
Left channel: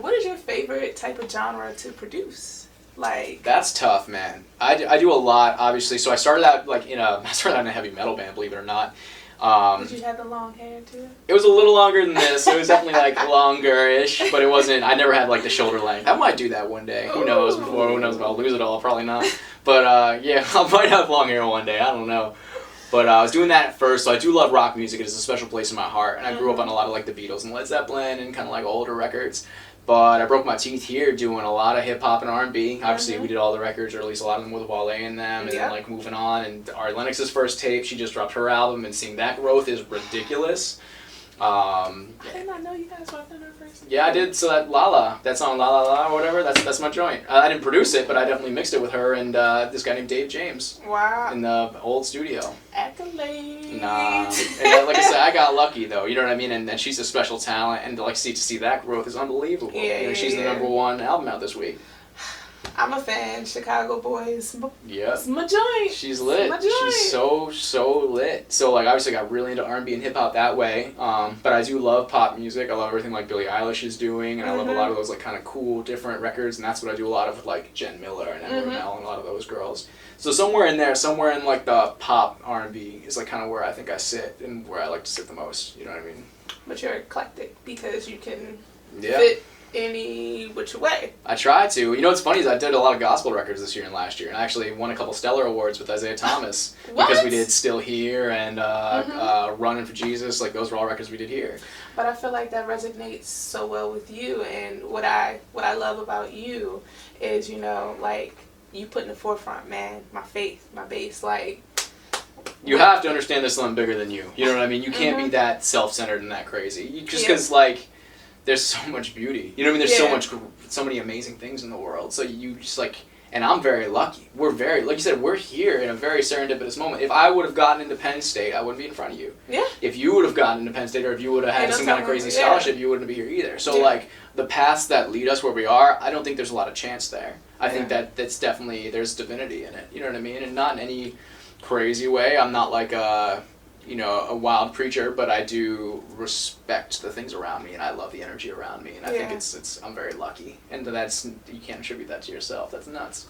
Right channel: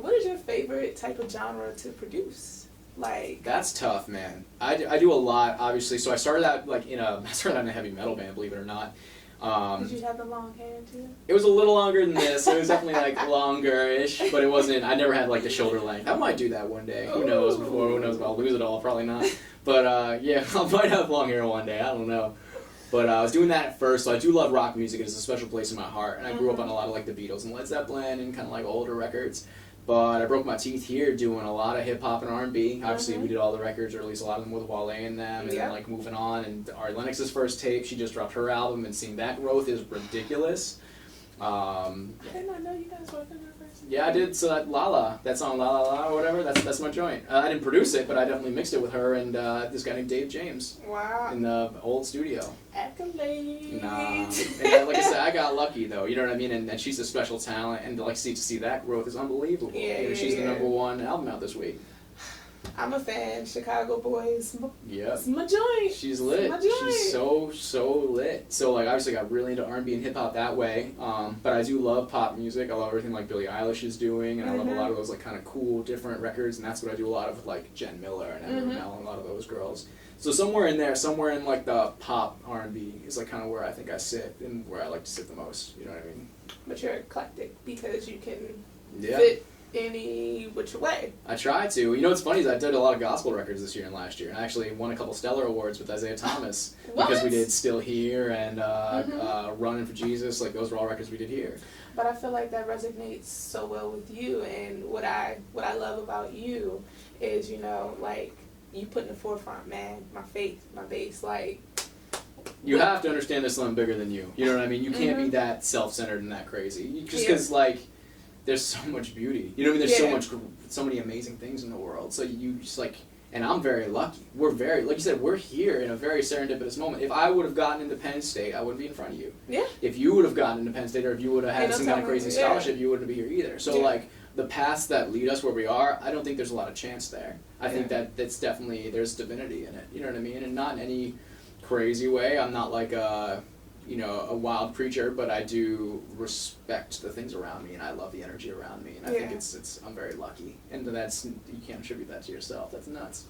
what is your favorite type of genre to produce? Like, that's tough, man. I do a lot, obviously. So I started out in a heavy metal band, believe it or not. Did you have the long hair too? It was a little longer than this. It was definitely like longer-ish, but it wasn't. I never had like the shoulder length. I might do that one day. Who knows? Who knows if I'll lose it all? Probably not. But yeah, I might have long hair one day. I don't know. But I was doing that at first, so I do love rock music. It is a special place in my heart, and I grew up on a lot of like the Beatles and Led Zeppelin and kind of like older records. But I broke my teeth here doing a lot of hip hop and R&B. Obviously, we did all the records, or at least a lot of them with Wale in them, and then like moving on. And Ari Lennox's first tape, she just dropped her album, and seeing that growth is ridiculous. I did not know you guys worked on her first. Yeah, I did. So that song La La La or whatever, that's my joint. I didn't produce it, but I definitely mixed it with her and this guy named Dave James. Wow. In the old studio. Accolades. Nah. And like I said, I got lucky though. You know what I mean? And she's a special talent, and to see that growth is unbelievable. Yeah, she's the #1 album out this week. I'm a fan. Chicago Boys. Yeah. It's my joint. She's lit. She's so lit. So like obviously I got really into R&B and hip hop that way. But I do love pop music. I love everything like Billie Eilish is doing, and I love a lot of those like kind of cool different records, and that's what I do a lot of with like Jen Miller and Emma Ramel and a lot of those girls. So somewhere in there, somewhere in like the pop R&B is like kind of where I think I sit and where I like to sit the most. You know what I mean? But you're eclectic because you can Yeah. fit any which way. I try to. You know what's funny is I did a lot of gospel records this year and last year, and I actually won a couple Stellar Awards with Isaiah Thomas because we did Still Here and Running for Jesus. Like those were all records we did here. But I feel like that resonates so well with you, and what I love about you is, you know, like you put in the forefront, man, my faith, my base, like. You have to understand there's something bigger than you. You know what I mean? You can't be that self-centered and that crazy. Just because like. There's so much beauty. You know what I mean? There's so many amazing things in the world. So you just like, and I'm very lucky. We're very, like you said, we're here in a very serendipitous moment. If I would have gotten into Penn State, I wouldn't be in front of you. Yeah. If you would have gotten into Penn State, or if you would have had some kind of crazy scholarship, you wouldn't be here either. So like, the paths that lead us where we are, I don't think there's a lot of chance there. I think that's definitely, there's divinity in it. You know what I mean? And not in any crazy way. I'm not like a wild preacher, but I do respect the things around me, and I love the energy around me, and I think it's I'm very lucky, and that's, you can't attribute that to yourself. That's nuts.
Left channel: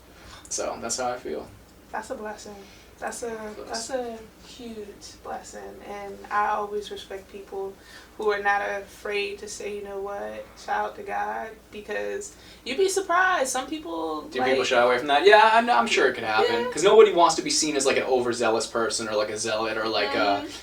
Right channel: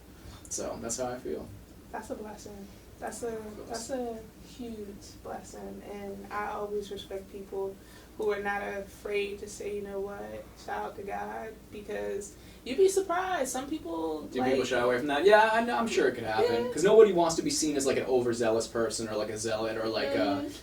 So that's how I feel. That's a blessing. That's a huge blessing, and I always respect people who are not afraid to say, you know what, shout out to God, because you'd be surprised. Some people people shy away from that. Yeah, I'm sure it could happen, because nobody wants to be seen as like an overzealous person or like a zealot or like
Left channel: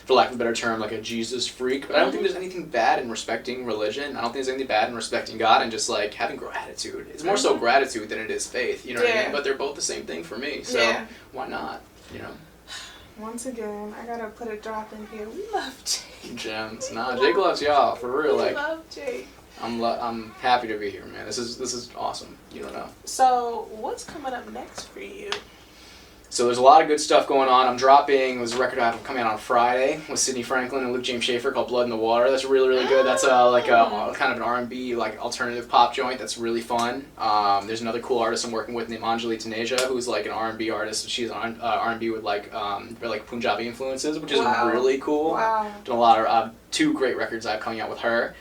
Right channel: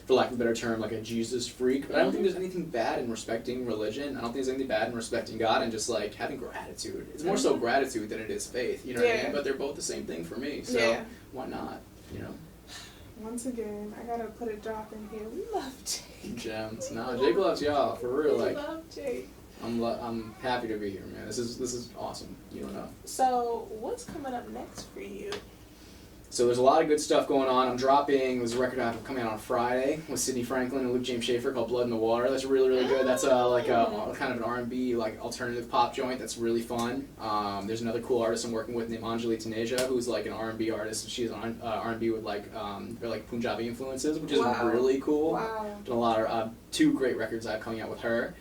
for lack of a better term, like a Jesus freak. But I don't think there's anything bad in respecting religion. I don't think there's anything bad in respecting God and just like having gratitude. It's more so gratitude than it is faith. You know what I mean? But they're both the same thing for me. So why not? You know. Once again, I gotta put a drop in here. We love Jake. Gems. Nah, Jake loves y'all for real. We love Jake. I'm happy to be here, man. This is awesome. You don't know. So what's coming up next for you? So there's a lot of good stuff going on. I'm dropping, there's a record I have coming out on Friday with Sidney Franklin and Luke James Schaefer called Blood in the Water. That's really, really good. That's like a kind of an R&B, like alternative pop joint that's really fun. There's another cool artist I'm working with named Anjali Taneja, who's like an R&B artist. She's an R&B with like very like Punjabi influences, which is really cool. Wow. Done a lot of 2 great records I have coming out with her.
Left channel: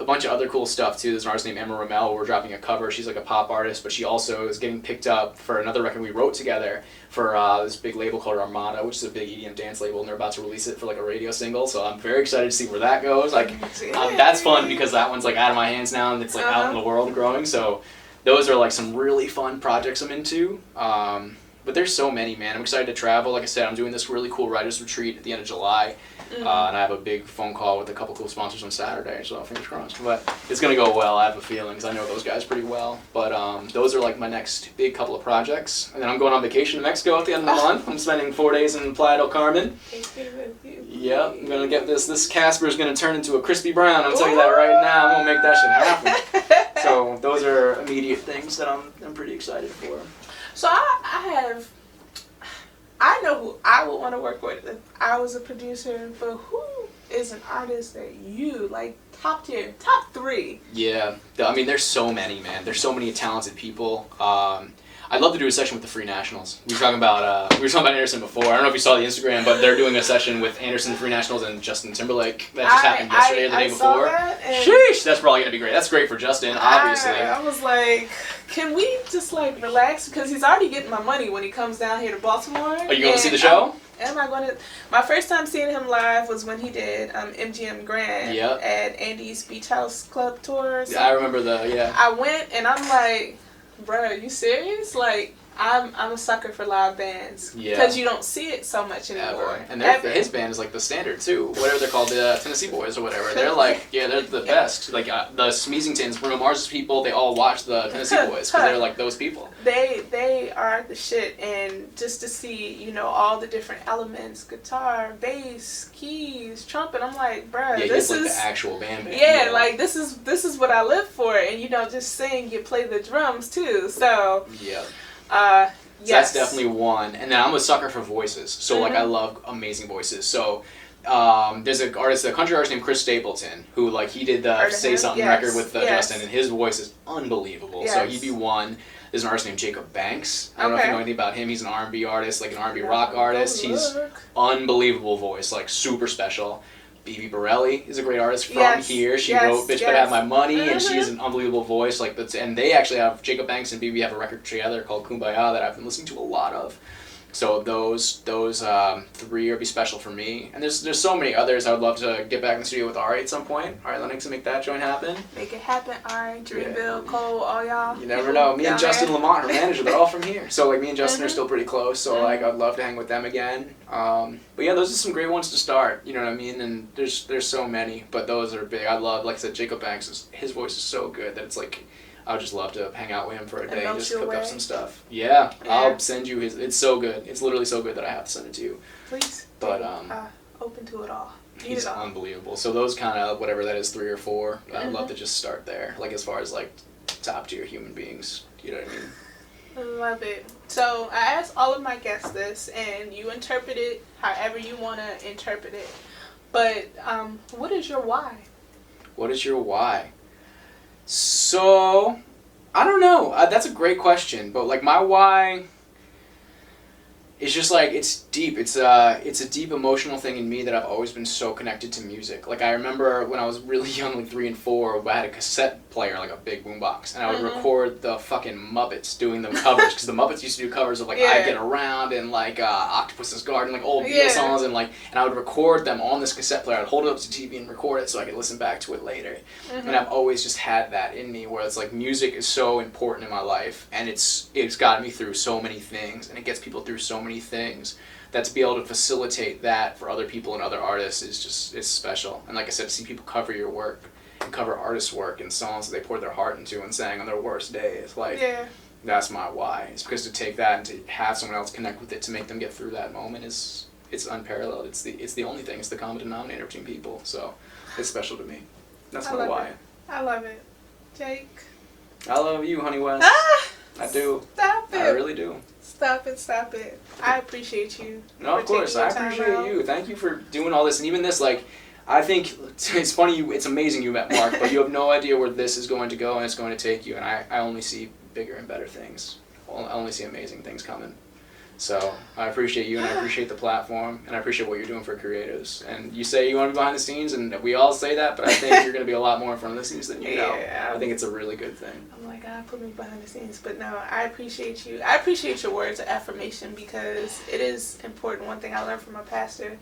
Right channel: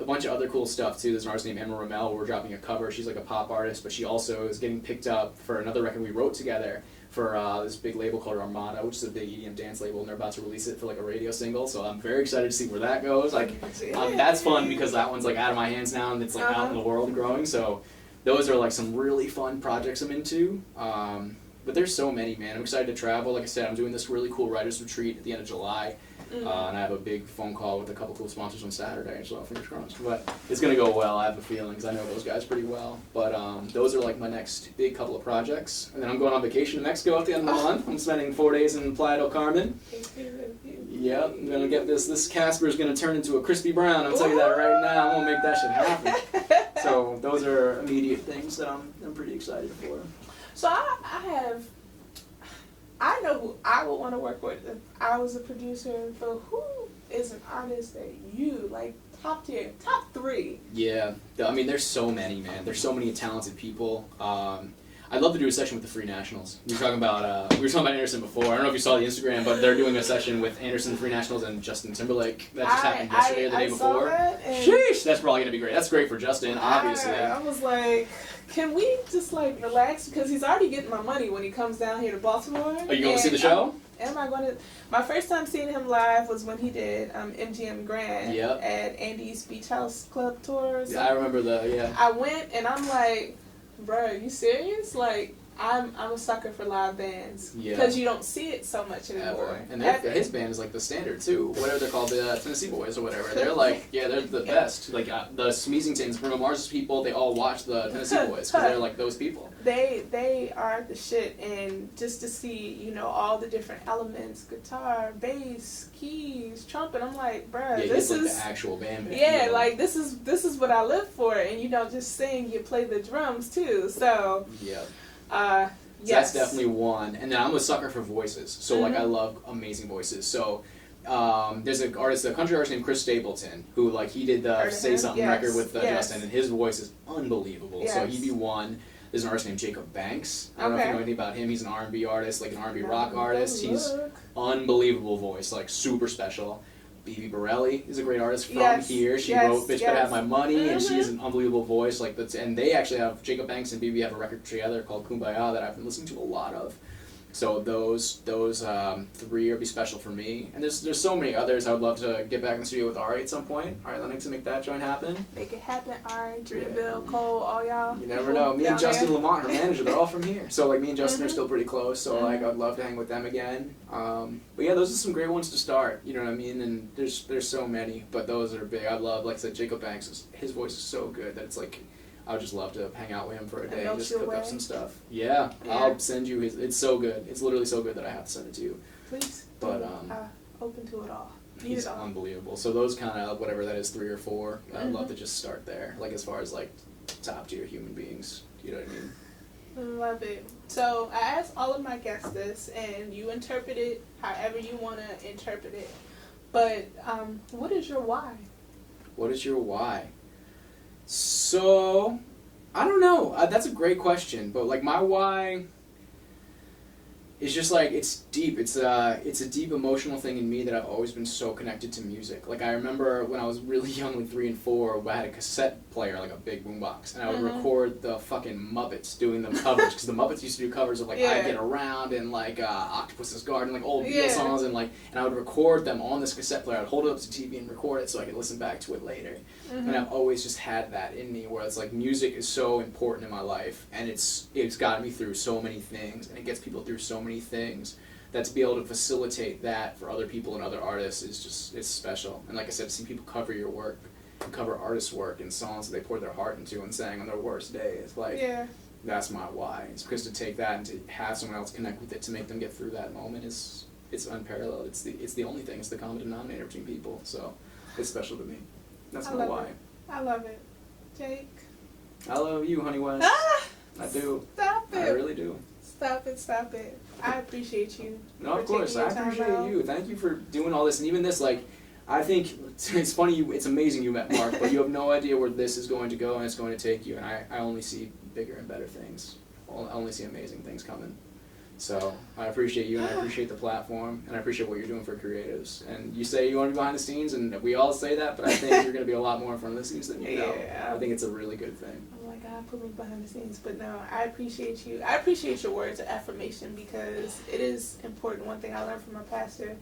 A bunch of other cool stuff too. There's an artist named Emma Ramel. We're dropping a cover. She's like a pop artist, but she also is getting picked up for another record we wrote together for this big label called Armada, which is a big EDM dance label, and they're about to release it for like a radio single. So I'm very excited to see where that goes. Like that's fun because that one's like out of my hands now, and it's like out in the world growing. So those are like some really fun projects I'm into. But there's so many, man. I'm excited to travel. Like I said, I'm doing this really cool writers retreat at the end of July. And I have a big phone call with a couple cool sponsors on Saturday, so fingers crossed. But it's going to go well, I have a feeling, because I know those guys pretty well. But those are like my next big couple of projects. And then I'm going on vacation to Mexico at the end of the month. I'm spending 4 days in Playa del Carmen. Yep, I'm going to get this Casper is going to turn into a crispy brown. I'm telling you that right now. I'm going to make that shit happen. So those are immediate things that I'm pretty excited for. So I know who I would want to work with if I was a producer, but who is an artist that you, like, top tier, top 3. Yeah, I mean, there's so many, man. There's so many talented people. I'd love to do a session with the Free Nationals. We were talking about Anderson before. I don't know if you saw the Instagram, but they're doing a session with Anderson, the Free Nationals, and Justin Timberlake. That just happened yesterday or the day before. Sheesh, that's probably gonna be great. That's great for Justin, obviously. I was like, can we just like relax, because he's already getting my money when he comes down here to Baltimore. Are you going to see the show? Am I going to? My first time seeing him live was when he did MGM Grand at Andy's Beach House Club tour. Yeah, I remember I went and I'm like, bro, are you serious? Like, I'm a sucker for live bands because you don't see it so much anymore. And his band is like the standard too, whatever they're called, the Tennessee Boys or whatever. They're like, they're the best. Like the Smeezingtons, Bruno Mars's people, they all watch the Tennessee Boys because they're like those people. They are the shit, and just to see all the different elements, guitar, bass, keys, trumpet, I'm like, bruh, this is like the actual band. Yeah, like this is what I live for, and you don't just sing, you play the drums too. So yeah. Yes. So that's definitely one. And then I'm a sucker for voices. So like I love amazing voices. So there's a country artist named Chris Stapleton who like he did the Say Something record with Justin, and his voice is unbelievable. So he'd be one. There's an artist named Jacob Banks. I don't know if you know anything about him. He's an R&B artist, like an R&B rock artist. He's unbelievable voice, like super special. Bibi Borelli is a great artist from here. She wrote "Bitch Better Have My Money," and she's an unbelievable voice. Like and they actually have Jacob Banks and Bibi have a record together called "Kumbaya" that I've been listening to a lot of. So those 3 would be special for me. And there's so many others. I would love to get back in the studio with Ari at some point. Ari Lennox to make that joint happen. Make it happen, Ari, Dreamville, Cole, all y'all. You never know. Me and Justin Lamont, her manager, they're all from here. So like me and Justin are still pretty close. So like I'd love to hang with them again. But yeah, those are some great ones to start. You know what I mean? And there's so many, but those are big. I love, like I said, Jacob Banks. His voice is so good that it's like, I would just love to hang out with him for a day and just cook up some stuff. Yeah, I'll send you his. It's so good. It's literally so good that I have to send it to you. Please. But open to it all. He's unbelievable. So those kind of whatever that is, 3 or 4. I'd love to just start there. Like as far as like top tier human beings. You know what I mean? I love it. So I asked all of my guests this, and you interpret it however you want to interpret it. But what is your why? What is your why? So, I don't know. That's a great question. But like my why is just like it's deep. It's a deep emotional thing in me that I've always been so connected to music. Like I remember when I was really young, like 3 and 4, I had a cassette player, like a big boombox, and I would record the fucking Muppets doing the covers because the Muppets used to do covers of like I Get Around and like Octopus's Garden, like old Beatles songs, and I would record them on this cassette player. I'd hold it up to TV and record it so I could listen back to it later. And I've always just had that in me where it's like music is so important in my life, and it's gotten me through so many things, and it gets people through so many things. That to be able to facilitate that for other people and other artists is special. And like I said, to see people cover your work and cover artists' work and songs that they poured their heart into and sang on their worst days, like that's my why. It's because to take that and to have someone else connect with it to make them get through that moment it's unparalleled. It's the only thing. It's the common denominator between people. So it's special to me. That's my why. I love it. Jake. I love you, Honey West. I do. Stop it. I really do. Stop it. I appreciate you. No, of course. I appreciate you. Thank you for doing all this. And even this, like, I think it's funny, it's amazing you met Mark, but you have no idea where this is going to go and it's going to take you. And I only see bigger and better things. I only see amazing things coming. So I appreciate you, and I appreciate the platform, and I appreciate what you're doing for creatives. And you say you want to be behind the scenes, and we all say that, but I think you're going to be a lot more in front of the scenes than you know. I think it's a really good thing. I'm like, God, put me behind the scenes. But no, I appreciate you. I appreciate your words of affirmation because it is important. One thing I learned from my pastor,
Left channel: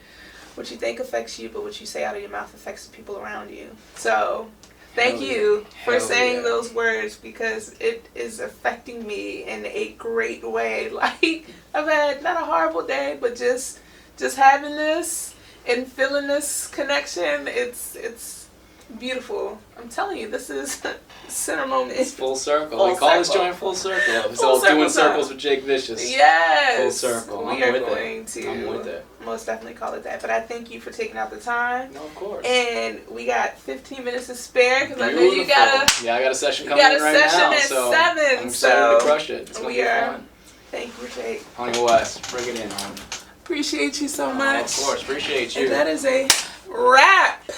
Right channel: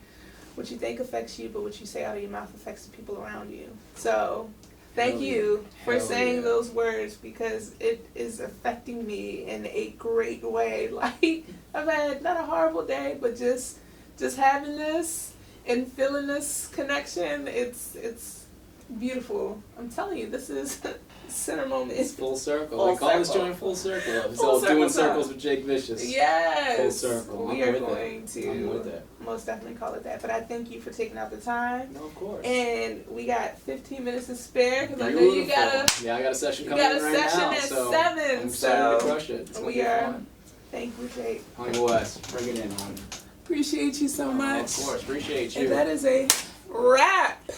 what you think affects you, but what you say out of your mouth affects the people around you. So thank you for saying those words because it is affecting me in a great way. Like, I've had not a horrible day, but just having this and feeling this connection, it's beautiful. I'm telling you, this is center moment. It's full circle. We call this joint full circle. It's all doing circles with JakeVicious. Yes. Full circle. We are going to I'm with it. Most definitely call it that. But I thank you for taking out the time. No, of course. And we got 15 minutes to spare because I know you gotta. Yeah, I got a session coming in right now. You got a session at 7. I'm excited to crush it. It's gonna be fun. Thank you, Jake. Honey West, bring it in, honey. Appreciate you so much. Of course, appreciate you. And that is a wrap.